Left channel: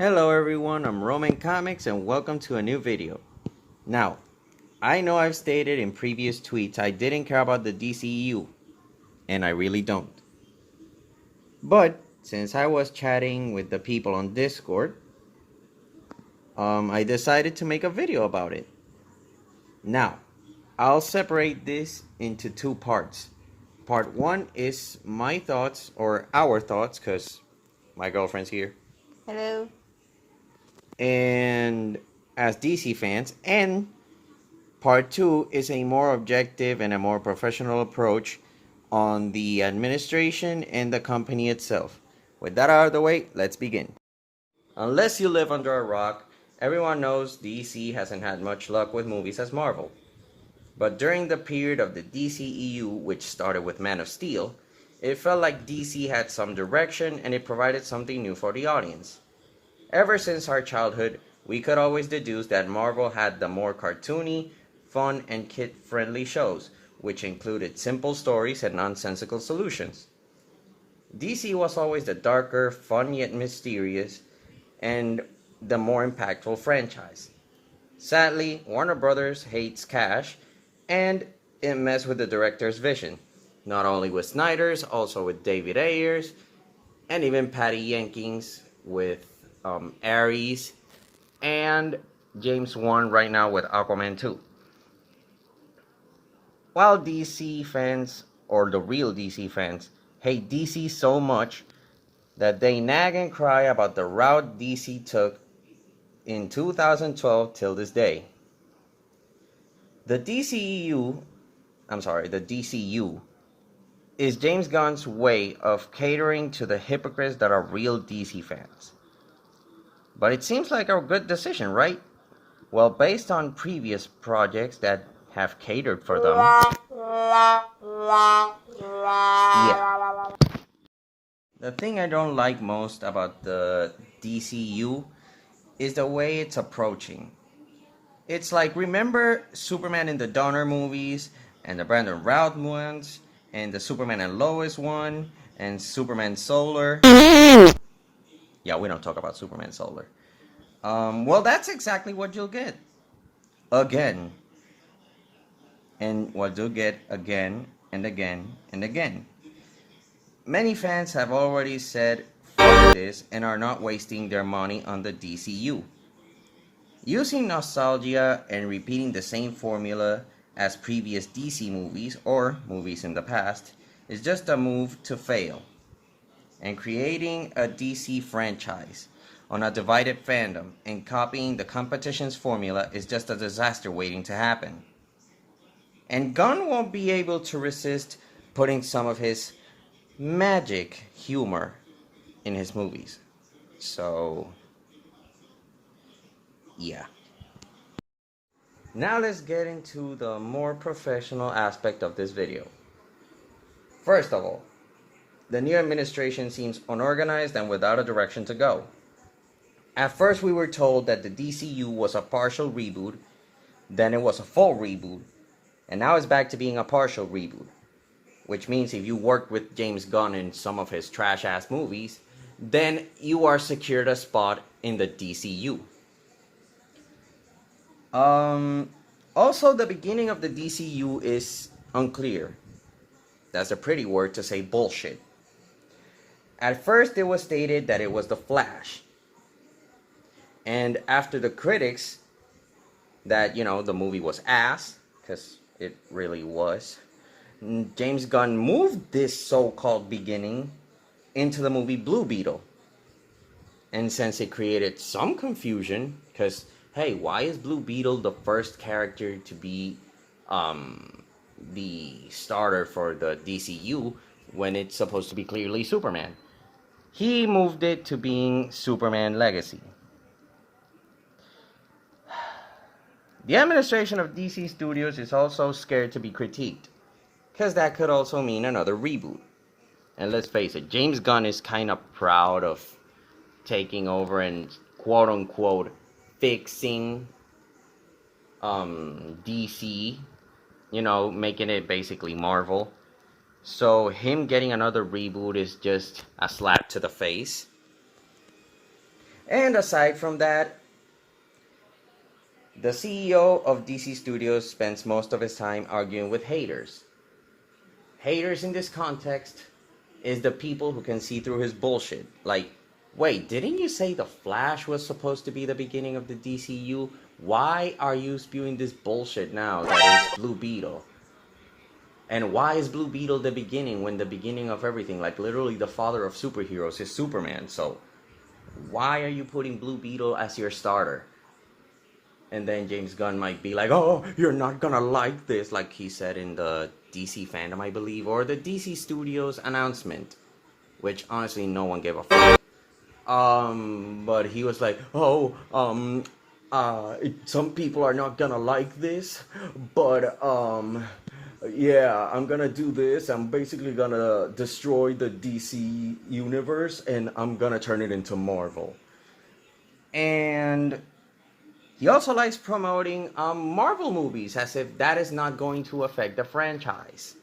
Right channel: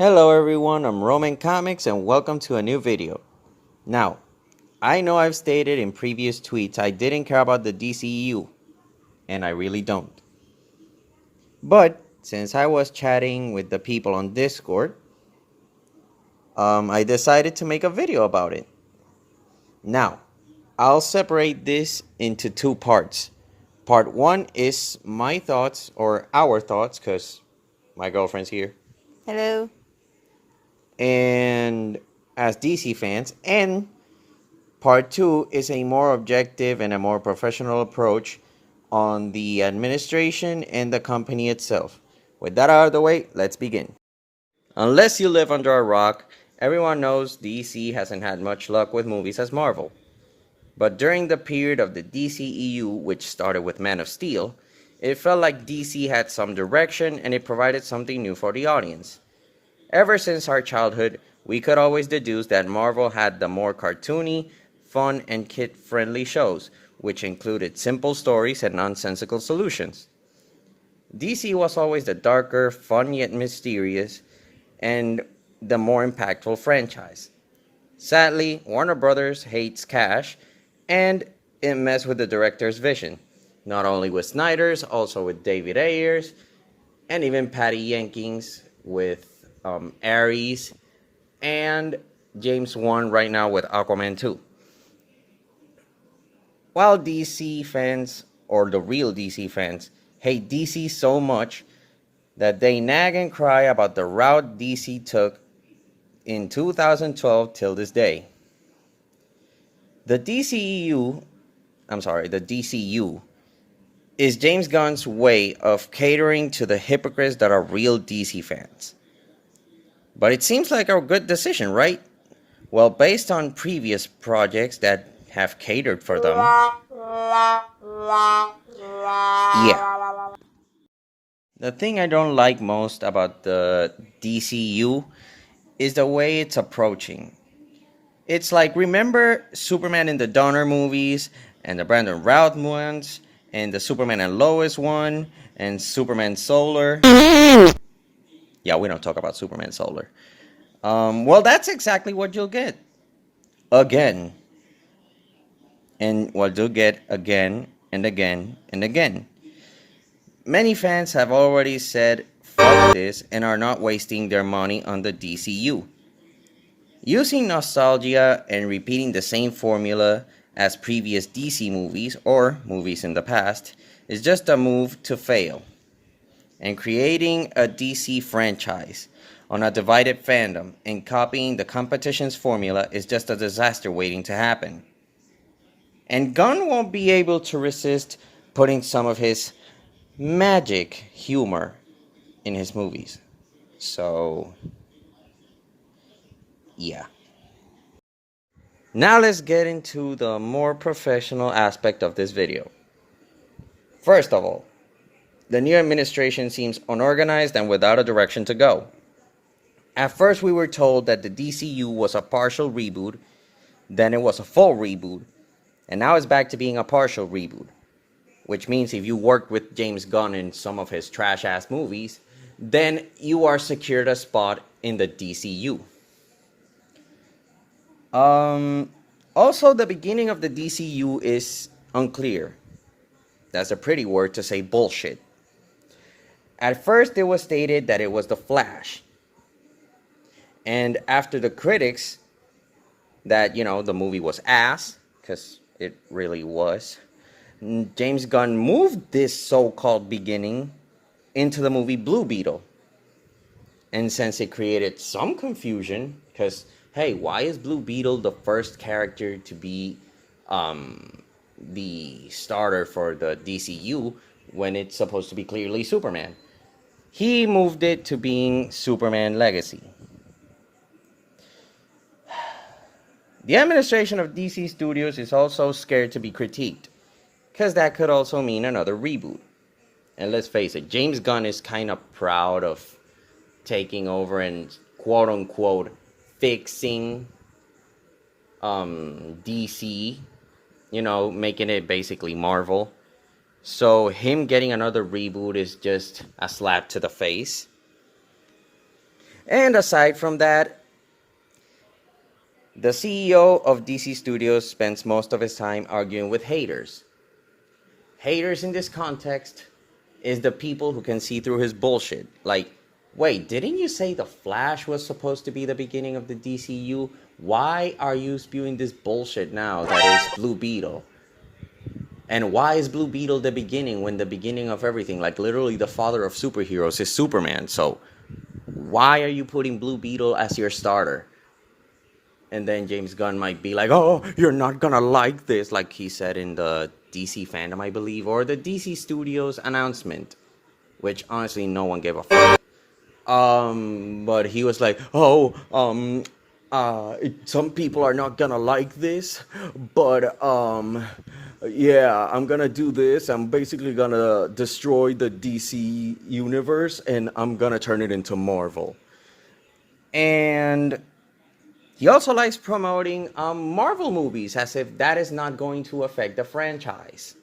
Hello everyone, I'm Roman Comics and welcome to a new video. Now, I know I've stated in previous tweets I didn't care about the DCEU, and I really don't. But, since I was chatting with the people on Discord, I decided to make a video about it. Now, I'll separate this into two parts. Part 1 is my thoughts, or our thoughts, because my girlfriend's here. Hello. And as DC fans, and part 2 is a more objective and a more professional approach on the administration and the company itself. With that out of the way, let's begin. Unless you live under a rock, everyone knows DC hasn't had much luck with movies as Marvel. But during the period of the DCEU, which started with Man of Steel, it felt like DC had some direction and it provided something new for the audience. Ever since our childhood, we could always deduce that Marvel had the more cartoony, fun, and kid-friendly shows, which included simple stories and nonsensical solutions. DC was always the darker, fun yet mysterious, and the more impactful franchise. Sadly, Warner Brothers hates cash, and it messed with the director's vision, not only with Snyder's, also with David Ayer's, and even Patty Jenkins with Ares, and James Wan right now with Aquaman 2. While DC fans, or the real DC fans, hate DC so much that they nag and cry about the route DC took in 2012 till this day. The DCU is James Gunn's way of catering to the hypocrites that are real DC fans. But it seems like a good decision, right? Well, based on previous projects that have catered for them. Yeah. The thing I don't like most about the DCU is the way it's approaching. It's like, remember Superman in the Donner movies, and the Brandon Routh ones, and the Superman and Lois one, and Superman Solar. Yeah, we don't talk about Superman Solar. Well, that's exactly what you'll get. Again. And what you'll get again and again and again. Many fans have already said fuck this and are not wasting their money on the DCU. Using nostalgia and repeating the same formula as previous DC movies or movies in the past is just a move to fail. And creating a DC franchise on a divided fandom and copying the competition's formula is just a disaster waiting to happen. And Gunn won't be able to resist putting some of his magic humor in his movies. So, yeah. Now let's get into the more professional aspect of this video. First of all, the new administration seems unorganized and without a direction to go. At first we were told that the DCU was a partial reboot, then it was a full reboot, and now it's back to being a partial reboot. Which means if you worked with James Gunn in some of his trash-ass movies, then you are secured a spot in the DCU. Also, the beginning of the DCU is unclear. That's a pretty word to say bullshit. At first, it was stated that it was The Flash. And after the critics, that, the movie was ass, because it really was, James Gunn moved this so-called beginning into the movie Blue Beetle. And since it created some confusion, because, hey, why is Blue Beetle the first character to be the starter for the DCU when it's supposed to be clearly Superman? He moved it to being Superman Legacy. The administration of DC Studios is also scared to be critiqued, because that could also mean another reboot. And let's face it, James Gunn is kind of proud of taking over and quote-unquote fixing DC, making it basically Marvel. So him getting another reboot is just a slap to the face. And aside from that, the CEO of DC Studios spends most of his time arguing with haters. Haters in this context is the people who can see through his bullshit. Like, wait, didn't you say The Flash was supposed to be the beginning of the DCU? Why are you spewing this bullshit now that is Blue Beetle? And why is Blue Beetle the beginning when the beginning of everything, like literally the father of superheroes, is Superman? So why are you putting Blue Beetle as your starter? And then James Gunn might be like, oh, you're not gonna like this, like he said in the DC fandom, I believe, or the DC Studios announcement, which honestly no one gave a fuck. But he was like, oh, some people are not gonna like this, but yeah, I'm gonna do this. I'm basically gonna destroy the DC universe, and I'm gonna turn it into Marvel. And he also likes promoting Marvel movies as if that is not going to affect the franchise.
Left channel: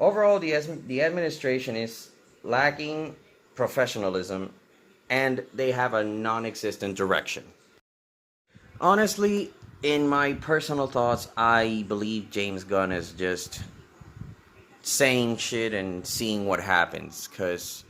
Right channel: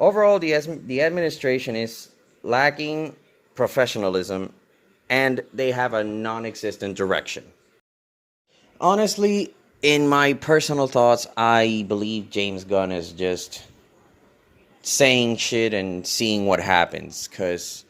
Overall, the administration is lacking professionalism, and they have a non-existent direction. Honestly, in my personal thoughts, I believe James Gunn is just saying shit and seeing what happens, because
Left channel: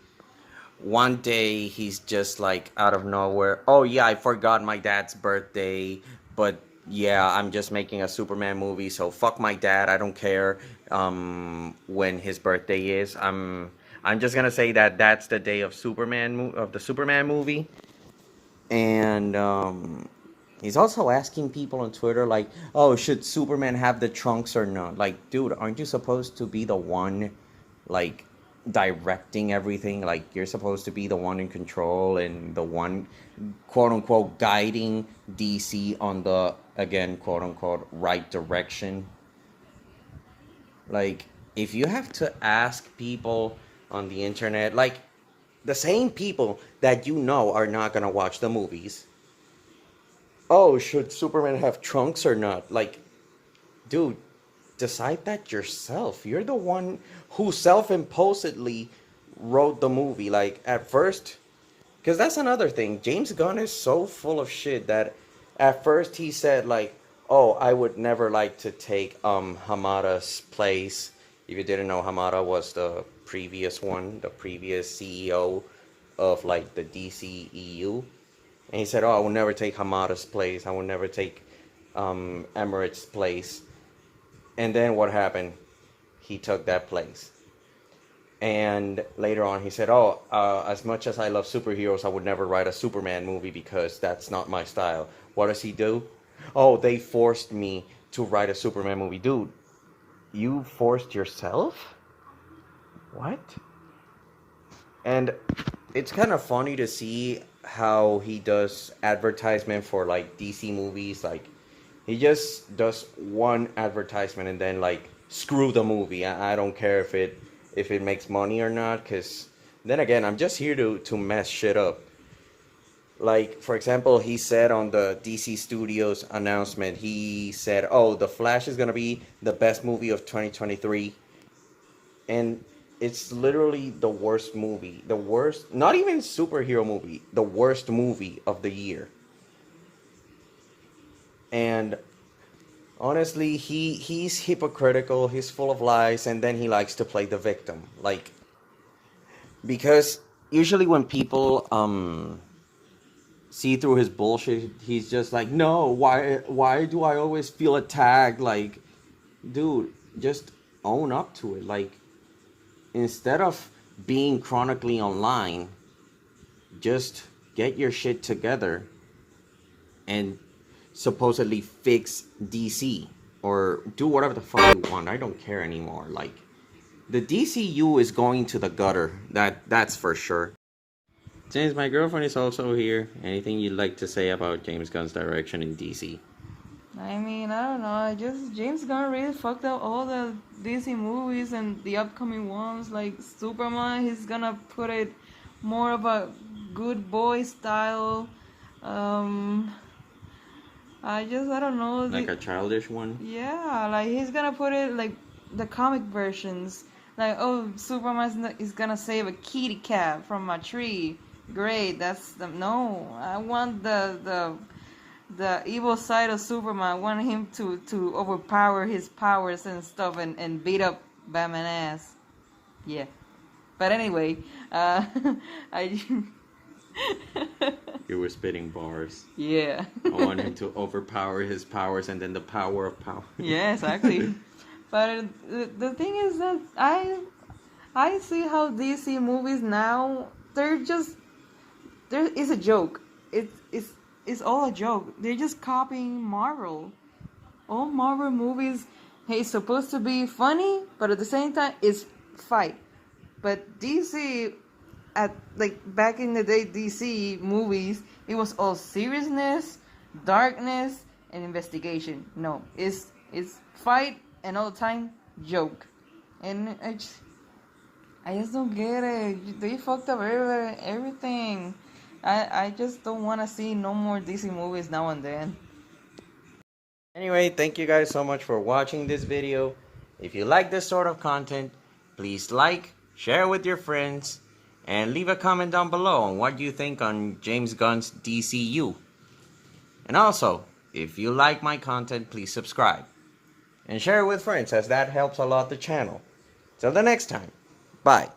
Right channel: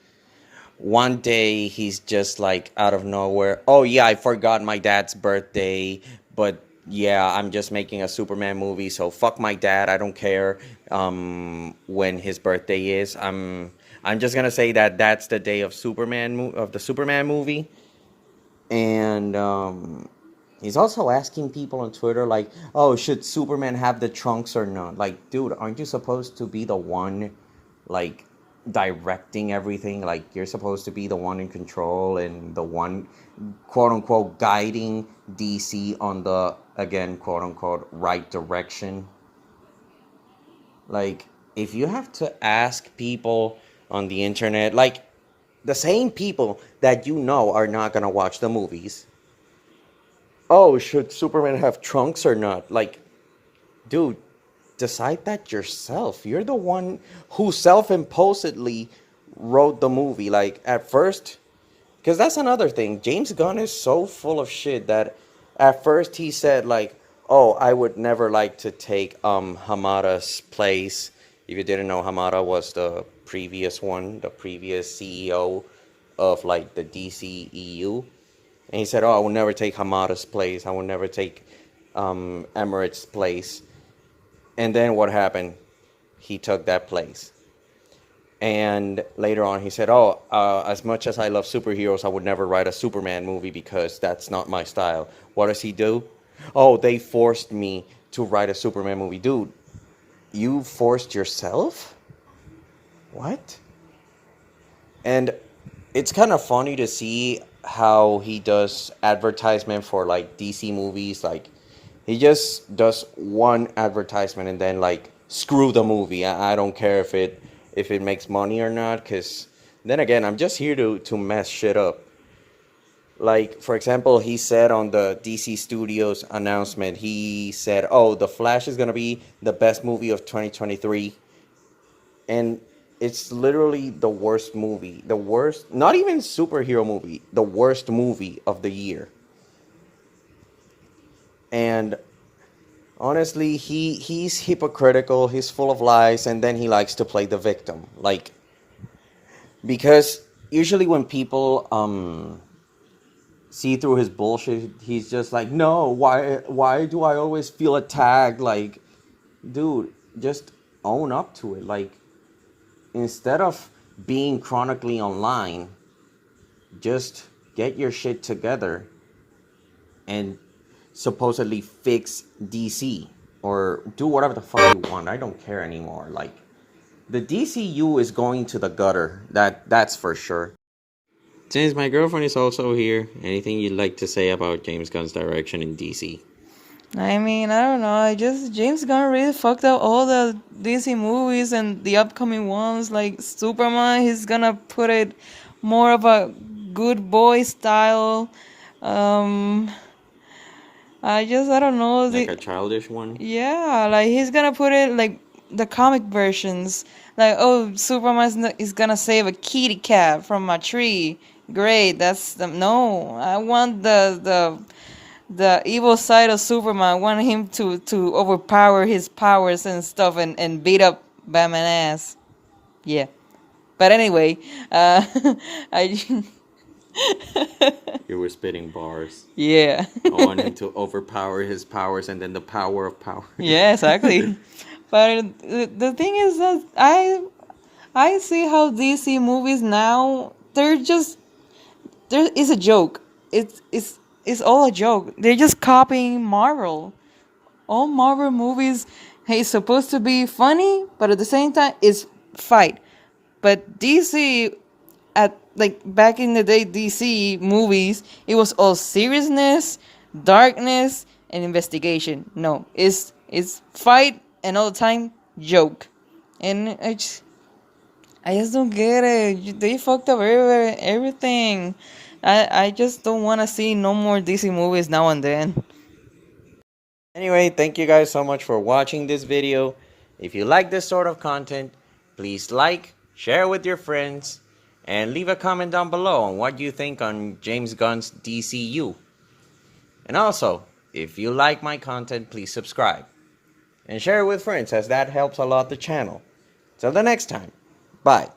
one day he's just like out of nowhere, oh yeah, I forgot my dad's birthday, but yeah, I'm just making a Superman movie, so fuck my dad, I don't care when his birthday is. I'm just gonna say that that's the day of the Superman movie. And he's also asking people on Twitter, like, oh, should Superman have the trunks or not? Like, dude, aren't you supposed to be the one, like, directing everything? Like, you're supposed to be the one in control and the one, quote unquote, guiding DC on the, again, quote unquote, right direction. Like, if you have to ask people on the internet, like, the same people that you know are not gonna watch the movies, oh, should Superman have trunks or not? Like, dude, decide that yourself. You're the one who self-imposedly wrote the movie. Like, at first, because that's another thing. James Gunn is so full of shit that at first he said, like, oh, I would never like to take Hamada's place. If you didn't know, Hamada was the previous CEO of, like, the DCEU. And he said, oh, I will never take Hamada's place. I will never take Emmerich's place. And then what happened? He took that place. And later on, he said, oh, as much as I love superheroes, I would never write a Superman movie because that's not my style. What does he do? Oh, they forced me to write a Superman movie. Dude, you forced yourself? What? And it's kind of funny to see how he does advertisement for, like, DC movies. Like, he just does one advertisement and then, like, screw the movie. I don't care if it makes money or not, because then again, I'm just here to mess shit up. Like, for example, he said on the DC Studios announcement, he said, oh, The Flash is going to be the best movie of 2023. And it's literally the worst movie. The worst, not even superhero movie, the worst movie of the year. And honestly, he's hypocritical, he's full of lies, and then he likes to play the victim. Like, because usually when people see through his bullshit, he's just like, no, why do I always feel attacked? Like, dude, just own up to it. Like, instead of being chronically online, just get your shit together and supposedly fix DC or do whatever the fuck you want. I don't care anymore. Like, the DCU is going to the gutter. That's for sure. Since my girlfriend is also here, anything you'd like to say about James Gunn's direction in DC? I mean, I don't know. James Gunn really fucked up all the DC movies and the upcoming ones, like Superman. He's gonna put it more of a good boy style. I don't know. Like a childish one? Yeah, like he's gonna put it like the comic versions. Like, oh, Superman is gonna save a kitty cat from a tree. Great. That's the no. I want the evil side of Superman. I want him to overpower his powers and stuff and beat up Batman ass. Yeah. But anyway, I You were spitting bars. yeah. I want him to overpower his powers and then the power of power. Yeah, exactly. But the thing is that I see how DC movies now they're just there is a joke. It's all a joke. They're just copying Marvel. All Marvel movies, hey, it's supposed to be funny, but at the same time, it's fight. But DC, at like back in the day, DC movies, it was all seriousness, darkness, and investigation. No, it's fight and all the time joke, and I just don't get it. They fucked up everything. I just don't want to see no more DC movies now and then. Anyway, thank you guys so much for watching this video. If you like this sort of content, please like, share with your friends, and leave a comment down below on what you think on James Gunn's DCU. And also, if you like my content, please subscribe. And share it with friends as that helps a lot the channel. Till the next time, bye.